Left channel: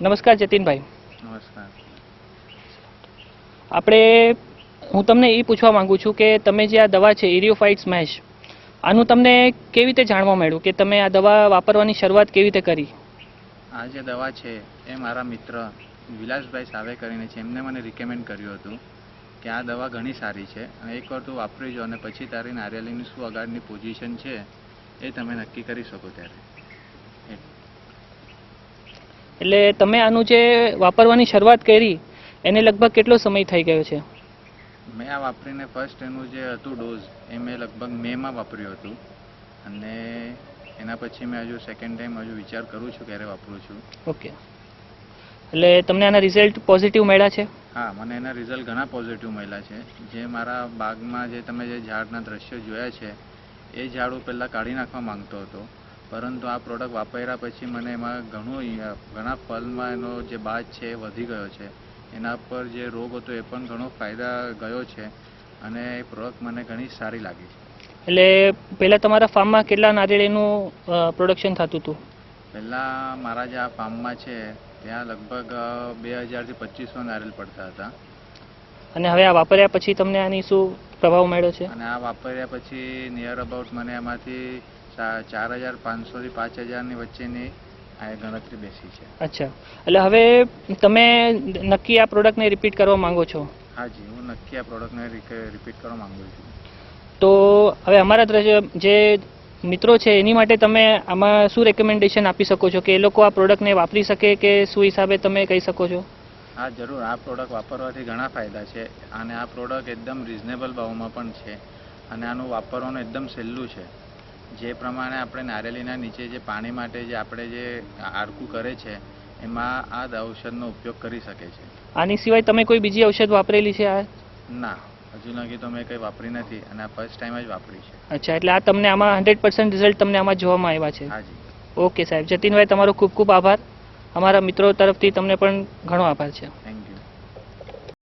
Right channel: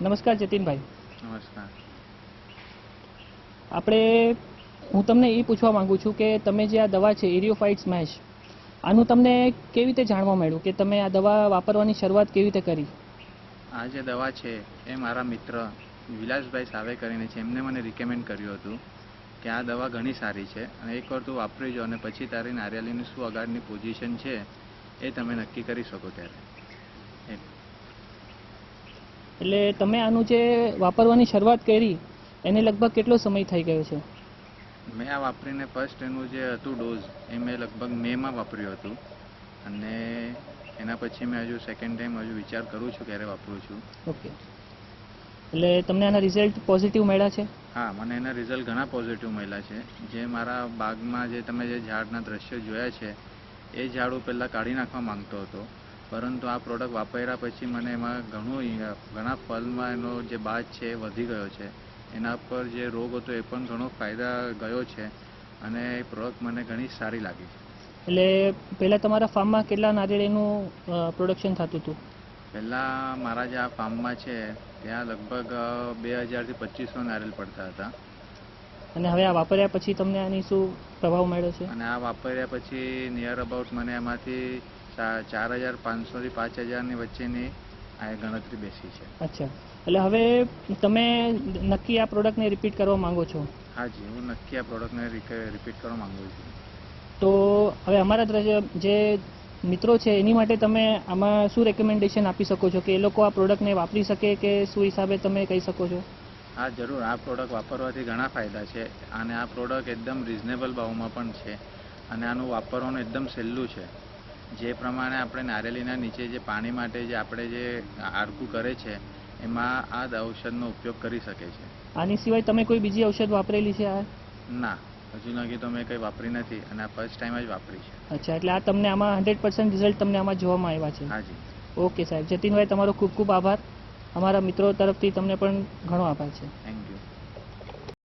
નમસ્કાર જતીનભાઈ. નમસ્કાર. હું તમને એ પૂછવા માંગુ છું કે તમે જે આ દવા છે ઇરિયોફાઇટ સ્મેશ, આનું તમને કેવી રીતે જાણવા મળ્યું કે તમે આ દવા વાપરવાની શરૂઆત કેવી રીતે કરી? આ જે દવા છે એ મારા મિત્ર વિલાસભાઈ સાવે કરીને છે, એમને મને રિકમેન્ડ કર્યું હતું કે આ દવા ઘણી સારી છે અને એકવાર તું વાપરી જો અને પછી તારી નારિયેળીની શું આગળની પોઝિશન છે એ તમે નક્કી કરી શકો. ત્યારે એટલે તમે આનું જે વાપરવાની શરૂઆત કરી એને લગભગ કેટલો સમય થઈ ગયો છે? મેં આ વાપરીને ફર્સ્ટ એનું જે હતું ડોઝ એ મેં લગભગ મેમાં વાપર્યું હતું અને એના પછી મેં હજુ સેકન્ડ ટાઈમ હજુ વિચાર કરું છું ક્યારે વાપરું છું. ઓકે, એટલે તમને આના રિઝલ્ટ પોઝિટિવ મળ્યા છે? હા, મને એના રિઝલ્ટ ઘણા પોઝિટિવ મળ્યા છે. જે મારા બાગમાં જે તમે જે ઝાડના દ્રશ્યો જોયા છે એ ઝાડ હું પહેલાં કાઢી નાખવા માંગતો હતો, પરંતુ આ પ્રોડક્ટ વાપર્યા પછી મને એમાં ઘણા ફળમાં એનો જે બાજ છે એ વધી ગયો છે. એના પર જે રોગ હતો એ પણ ઘણો ફાયદા ગયો છે અને એ પ્રોડક્ટ મને ઘણી સારી લાગી છે. એટલે પહેલાં તમારા ફાર્મમાં કેટલા નારિયેળીનું પ્રોડક્શન થતું હતું? પહેલાં મારા જે આ ફાર્મમાં છે ત્યાં લગભગ 2000 થી 2500 નારિયેળ પડતા હતા. અને હવે આ વાપર્યા પછી તમને આની શું પ્રભાવ મળ્યો છે? અને આ વાપર્યા પછી નિયર અબાઉટ મને એમાંથી 4500 થી 5000ની વચ્ચેની આ ગણતરી બેસી છે. અચ્છા, એટલે હવે તમે નક્કી આ પ્રોડક્ટને રિપીટ કરવા માંગો છો? હાજી, હું નક્કી આ પ્રોડક્ટને રિપીટ કરવા માંગુ છું. તો હવે અમારા જે મિત્રો છે એની માટે તમે આમાં શું રેકમેન્ડેશન આપી શકો છો કે એ લોકો આ પ્રોડક્ટને વાપરી શકે કે શું હિસાબે તમે કહી શકો છો? હા જરૂર, આ પ્રોડક્ટ વાપરવાથી ઘણા ફાયદા છે અને આ પ્રોડક્ટ એકદમ રિઝનેબલ ભાવમાં પણ છે અને આનું વાપરવાનું એકદમ સહેલું છે. જે પ્રમાણે આપણે નારિયેળીના નીચે જે પાણી માટે જે આપણે જે આરકું કરે છે એમાં આ ઔષધનો ઉપયોગ કરી શકે છે. આની સિવાય તમે કોઈ બીજી ઔષધ વાપરેલી છે? ના, હજુ લગી તો મેં કંઈ વાપરી નથી અને આ ફર્સ્ટ ટાઈમ જ વાપરી છે. અચ્છા, એટલે આ તમને આમાં 100% રિઝલ્ટ તમને આમાં જોવામાં આવ્યા છે? હાજી. ઓકે સાહેબ, જતીનભાઈ તમારો ખૂબ ખૂબ આભાર. અમારા મિત્રો તરફથી તમને પણ ઘણો આભાર છે. Thank you.